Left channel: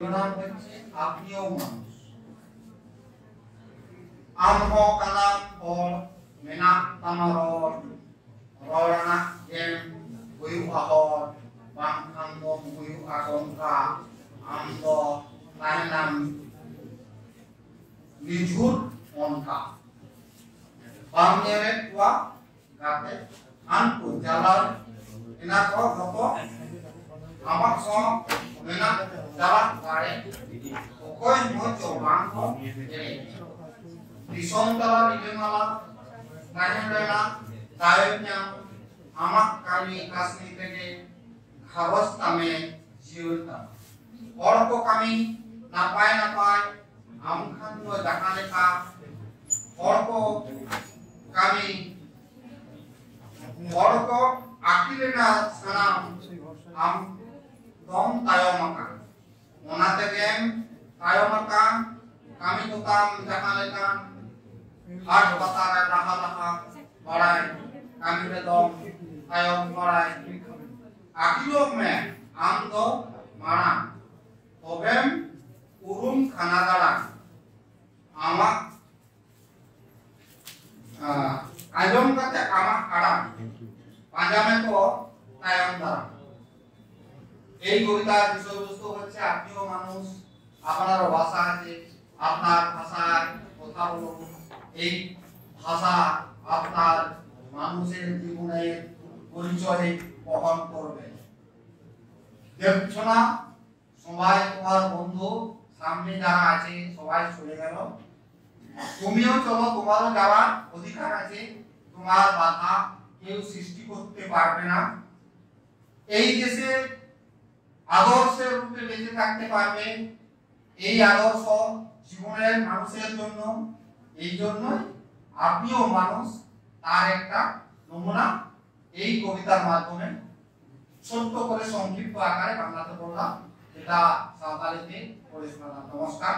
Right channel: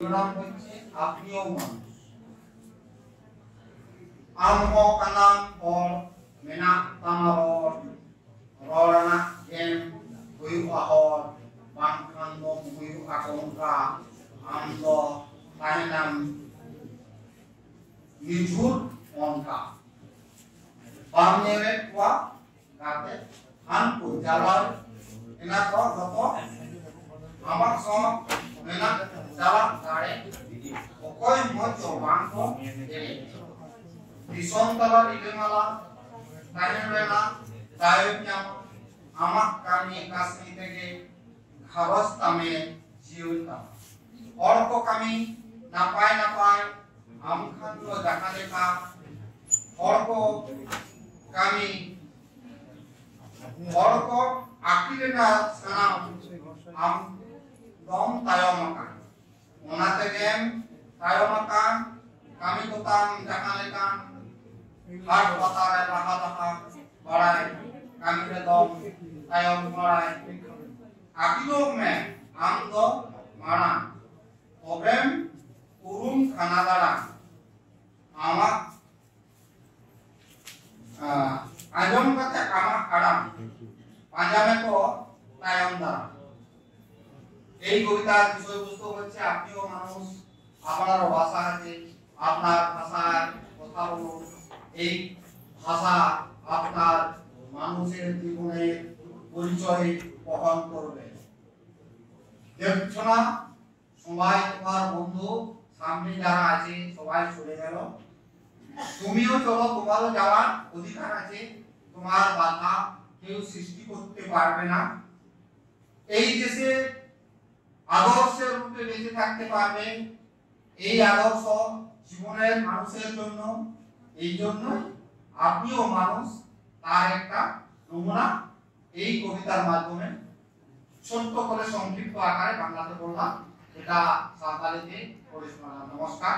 নাম হচ্ছে আপনিও মানুষ। আমহো কানাম পর মেনাক তামারর ররানা game হুয়ু আহর বাংখাঙ্গ হুয়ু আকংকা আমদ তাহেনাম নিঝুর অনকা বামনেরে tua gate anku jalan inako goto amak so menak jalan gare okoy mocho bangko ini disong tala idengala tahenrena daibnya amak kami kasni tege kharos tame jiunta orko kami napai amkhan lo dakane ka orko kami orko akilena sanam am dom tayomaka onate gem tayomaka kami tutam jakalekan har patare laha barai kami bedom tayom barai akilo me am do mara tobem urum khanagara ama আজম কাতে আমার আরাম পাঞ্জামে তো তায়ম দ্বারা এই কবিতার বিষয়বস্তু হচ্ছে আপনিও মানুষ, আপনার ভাষা আছে, আপনার ভাষার কথা বলুন। এই ভাষা আপনার মানুষের জীবনের পরিচয় বহন করবে। দেখছো না সবাই তোমার বন্ধু সামনে যারা আছে সবাই চলে গেল, তুমিও চলো, তোমারও যাওয়ার অধিকার আছে, তোমার বাধা কেউ সৃষ্টি করতে পারবে না। এই দেশে আদর্শের রূপে বেঁচে থাকতে পারবে, এই আদর্শ জীবনের মানুষের জন্য। এই জন্যই আপনিও মানুষ তার একটা নমুনা এই কবিতার মাধ্যমে ছোট্ট করে সংক্ষিপ্ত আকারে বাংলাতে বললাম, এটা সাঁওতালিতে পড়ে শোনালাম। নমস্কার।